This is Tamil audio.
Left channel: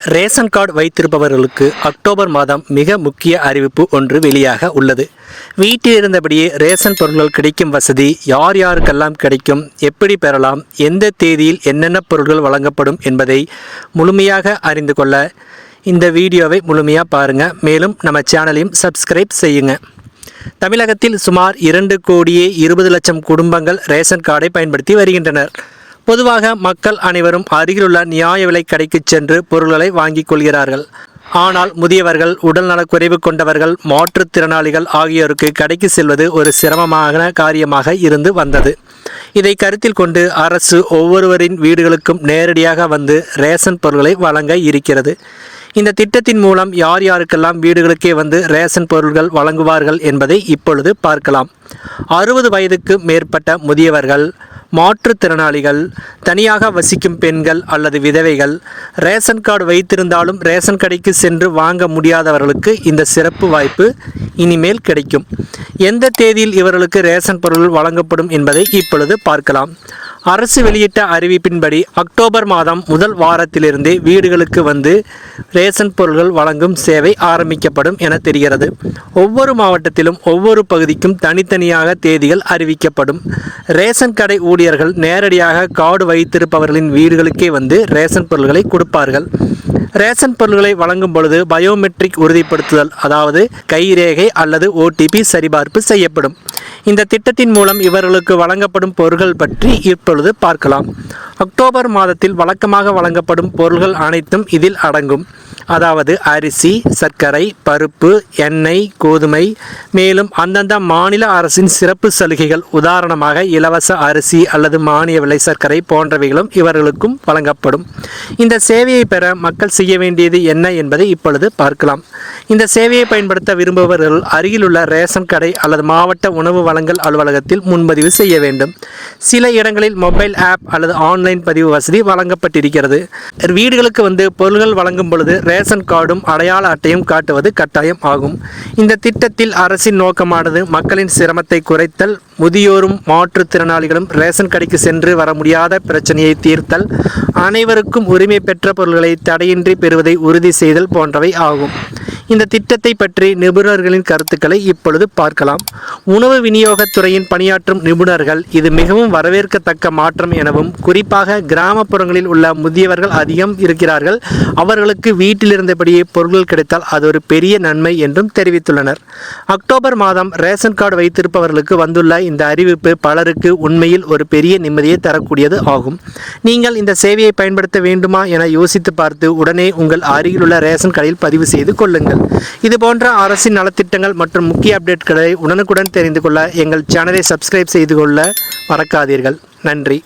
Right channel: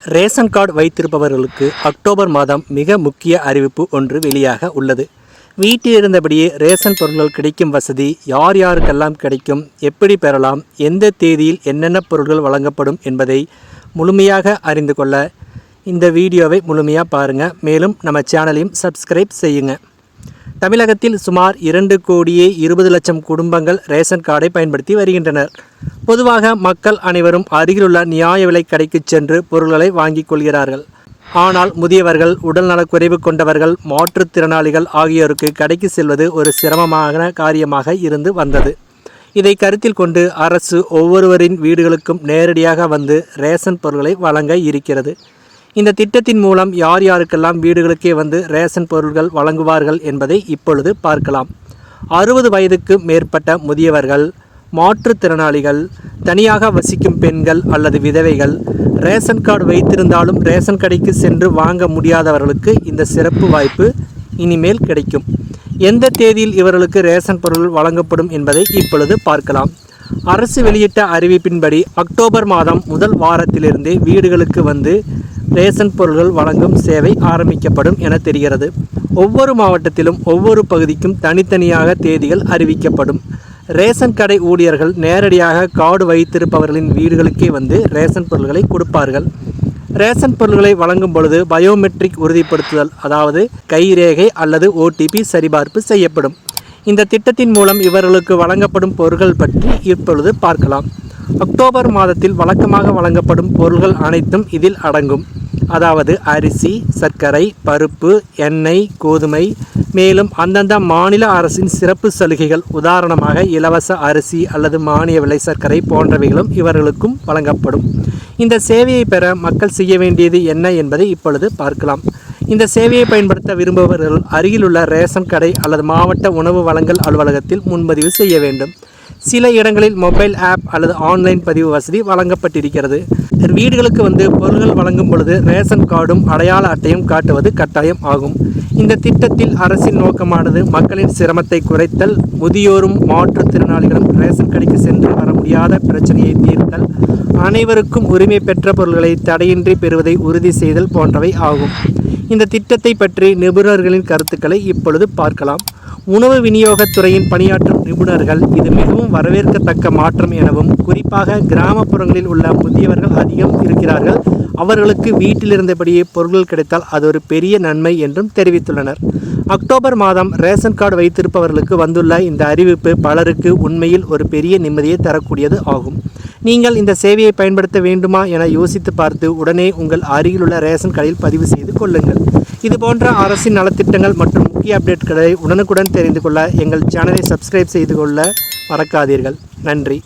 ரேஷன் கார்டு வைத்திருப்பவர்களுக்கு அக்டோபர் மாதம் மிக முக்கிய அறிவிப்பு ஒன்று வெளியாக உள்ளது. வீட்டில் இருந்தபடியே ரேஷன் பொருட்கள் கிடைக்கும் வசதி யார் யாருக்கெல்லாம் கிடைக்கும், எப்படி பெறலாம், எந்த தேதியில் என்னென்ன பொருட்கள் வழங்கப்படும் என்பதை முழுமையாக அறிந்து கொள்ள இந்த வீடியோவை முழுமையாக பாருங்கள். மேலும் நம்ம சேனலையும் சப்ஸ்கிரைப் செய்யுங்க. தமிழகத்தில் சுமார் 2,20,00,000 குடும்பங்கள் ரேஷன் கார்டை பயன்படுத்தி வருகின்றனர். பொதுவாக மக்கள் அனைவரும் அருகிலுள்ள நியாய விலை கடைக்கு சென்று பொருட்களை வாங்கிக் கொள்கிறார்கள். ஆனால் முதியவர்கள், உடல்நலக்குறைவு கொண்டவர்கள், மாற்றுத்திறனாளிகள் ஆகியோருக்கு கடைக்கு செல்வது ஒரு சிரமமான காரியமாக இருந்து வந்தது. இதை கருத்தில் கொண்டு அரசு ஒவ்வொருவரின் வீடுகளுக்கும் நேரடியாக வந்து ரேஷன் பொருட்களை வழங்க இருக்கிறது. இந்த திட்டத்தின் மூலம் யார் யாருக்கெல்லாம் வீடுகளுக்கே வந்து ரேஷன் பொருட்கள் வழங்குவார்கள் என்பதை இப்பொழுது பார்க்கலாம். 60 வயதுக்கு மேற்பட்ட முதியவர்கள், மாற்றுத்திறனாளிகள், தனியாக வசிக்கும் பெண்கள் அல்லது விதவைகள், ரேஷன் கார்டு வைத்திருந்தாலும் ரேஷன் கடைக்கு சென்று வாங்க முடியாதவர்களுக்கு இந்த சிறப்பு வாய்ப்பு இனிமேல் கிடைக்கும். எந்த தேதியில் இவர்களுக்கு ரேஷன் பொருட்கள் வழங்கப்படும் என்பதை இப்பொழுது பார்க்கலாம். அரசு வெளியிட்ட அறிவிப்பின்படி அக்டோபர் மாதம் முதல் வாரத்திலிருந்தே வீடுகளுக்கு வந்து ரேஷன் பொருட்கள் வழங்கும் சேவை ஆரம்பிக்கப்படும் என தெரிகிறது. ஒவ்வொரு மாவட்டத்திலும் ஒவ்வொரு பகுதிக்கும் தனித்தனியாக தேதிகள் அறிவிக்கப்படும். ரேஷன் கடை ஊழியர்கள் நேரடியாக கார்டு வைத்திருப்பவர்களின் வீடுகளுக்கே வந்து ரேஷன் பொருட்களை கொடுப்பார்கள். ரேஷன் பொருட்களை வழங்கும் பொழுது பயோமெட்ரிக் உறுதிப்படுத்துதல், அதாவது கைரேகை அல்லது OTP சரிபார்ப்பு செய்யப்படும். இந்த திட்டத்தின் மூலம் இவர்களுக்கு வழங்கப்படும் பொருட்கள் பற்றி இப்பொழுது பார்க்கலாம். அக்டோபர் மாதத்தில் வழக்கமாக வழங்கப்படும் பொருட்கள் அனைத்தும் இதில் அடங்கும். அதாவது அரிசி, சர்க்கரை, பருப்பு, எண்ணெய், கோதுமை, மேலும் அந்தந்த மாநில அரசின் சிறப்பு சலுகைகள், உதாரணமாக இலவச அரிசி அல்லது மானிய விலை சர்க்கரை போன்றவைகளும் இவர்களுக்கும் வழங்கப்படும். இந்த சேவையை பெற மக்கள் செய்ய வேண்டியது என்ன என்பதை இப்பொழுது பார்க்கலாம். இந்த சேவையை பயன்படுத்த விரும்புபவர்கள் அருகிலுள்ள ரேஷன் கடை அல்லது மாவட்ட உணவு வழங்கல் அலுவலகத்தில் முன்பதிவு செய்ய வேண்டும். சில இடங்களில் மொபைல் ஆப் அல்லது ஆன்லைன் பதிவு வசதி வழங்கப்பட்டிருக்கிறது. வீடுகளுக்கு வந்து பொருட்கள் வழங்கும் பொழுது ரேஷன் கார்டும் அடையாள அட்டையும் காட்டுவது கட்டாயம் ஆகும். இந்த திட்டத்தில் அரசின் நோக்கமானது மக்களின் சிரமத்தை குறைத்தல், முதியோரும் மாற்றுத்திறனாளிகளும் ரேஷன் கடைக்கு சென்று வர முடியாத பிரச்சனையை தீர்த்தல், அனைவருக்கும் உரிமை பெற்ற பொருட்களை தடையின்றி பெறுவதை உறுதி செய்தல் போன்றவை ஆகும். இந்த திட்டத்தை பற்றி நிபுணர்களின் கருத்துக்களை இப்பொழுது பார்க்கலாம். உணவு விநியோகத்துறையின் பணியாற்றும் நிபுணர்கள் இது மிகவும் வரவேற்கத்தக்க மாற்றம் எனவும், குறிப்பாக கிராமப்புறங்களில் உள்ள முதியவர்கள் அதிகம் இருக்கிறார்கள், அவர்களுக்கு வீட்டில் இருந்தபடியே பொருட்கள் கிடைத்தால் அது ஒரு பெரிய நன்மை என்றும் தெரிவித்துள்ளனர். அக்டோபர் மாதம் ரேஷன் கார்டு வைத்திருப்பவர்களுக்கு வந்துள்ள இந்த அறிவிப்பு பலருக்கு உண்மையில் ஒரு பெரிய நிம்மதியை தரக்கூடியது ஆகும். நீங்கள் இந்த சேவையை பயன்படுத்த வேண்டுமா என யோசித்து பார்த்து உடனே உங்கள் அருகிலுள்ள ரேஷன் கடையில் பதிவு செய்து கொள்ளுங்கள். இது போன்ற அரசின் நலத்திட்டங்கள் மற்றும் முக்கிய அப்டேட்களை உடனுக்குடன் தெரிந்து கொள்ள எங்கள் சேனலை சப்ஸ்கிரைப் செய்து கொள்ள மறக்காதீர்கள். நன்றி.